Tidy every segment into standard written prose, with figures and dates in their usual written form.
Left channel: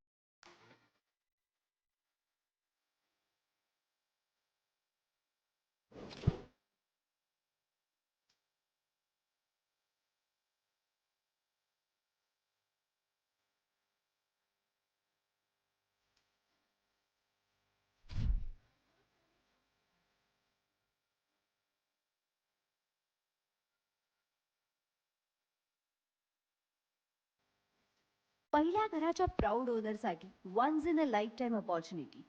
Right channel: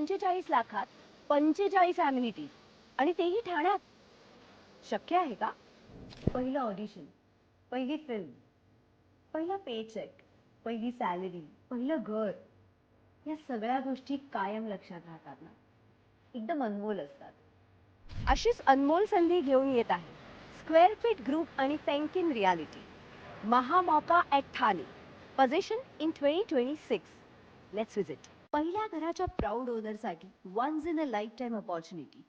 45 लाखात 45 अम्युनिटीज आणि तेही ठाण्यात. शक्य आहे का? पहिलं ऑडिशन, पहिली फिल्म, पहिला पे चेक, पहिली सॅलरी, पहिलं घर, या सगळ्या गोष्टी कायम लक्षात राहतात ना, एकदम अनमोल असतात. अशीच अनमोल संधी घेऊन येत आहे स्क्वेअर फीट ग्रुप आणि पेंकिन रियालिटी. महामौका at Thane, possession in 2026. Let's visit. पहिल्या घराच्या प्राऊड ओनरसाठी once in a lifetime opportunity.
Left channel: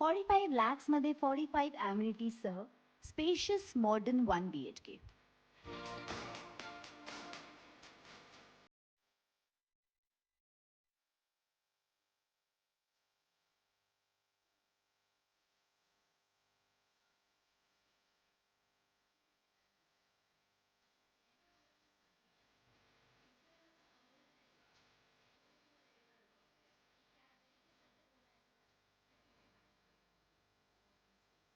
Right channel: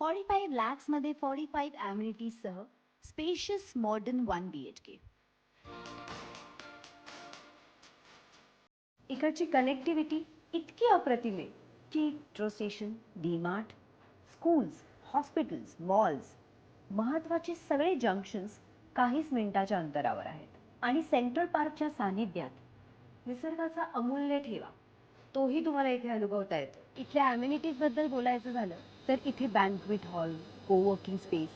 45 lakhs मध्ये 45 amenities सह स्पेशियस मॉडर्न 1 BHK. इकडची कनेक्टिव्हिटी इतकी अप्रतिम आहे की metro station, DMart, schools, hospitals, malls, महत्त्वाचे सगळे जंक्शन्स काहीच मिनिटाच्या अंतरावर आहेत. आणि सेंट्रल पार्कच्या सानिध्यात निसर्गाचा अमूल्य ठेवा तोही तुम्हाला इथे अनुभवता येतो. इथल्या ॲम्युनिटीज बद्दल बोलायचं झालं तर इथे banquet hall, coworking space,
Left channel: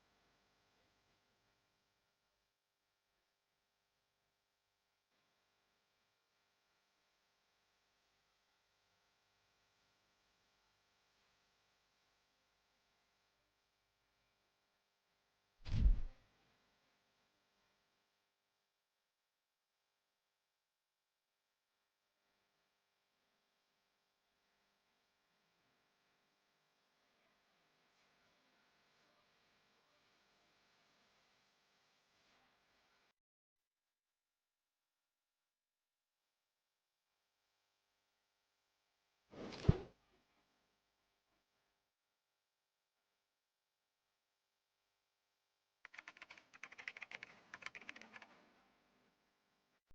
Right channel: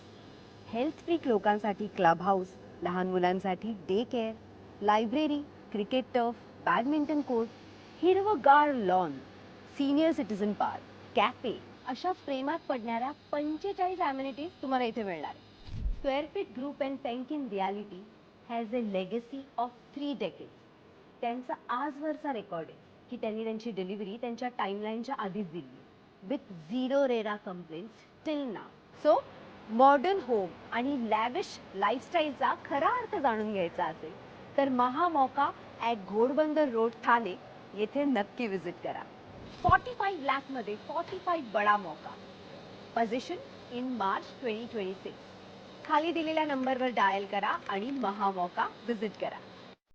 health freak लोकांसाठी क्लब हाऊस, लहान मुलांसाठी day care, library, cricket turf, badminton court, हिरवगार lawn, senior citizen park, cafe, अशा प्रेमात पडणाऱ्या 45 ॲम्युनिटीज तुम्हाला इथे मिळणार. Square Feet Group and Penkin Realty has a legacy of 3 decades. त्यांचा आजवरचा रेकॉर्ड आहे की त्यांनी त्यांची डिलिव्हरी त्यांच्या टाईमलाईनच्या आधीच दिली with zero RERA complaints till now. So modern home आणि लॅविश लाईफस्टाईलचा खरा अर्थ जाणून घ्यायचा असेल तर महामौका ॲट घोडबंदर रोड ठाणे येथे नक्की विजिट करा. 45 लाख मध्ये 45 बडा मौका. Position in March 2026. खाली दिलेल्या नंबरवर डायल करा आणि महामौका विजिट करा.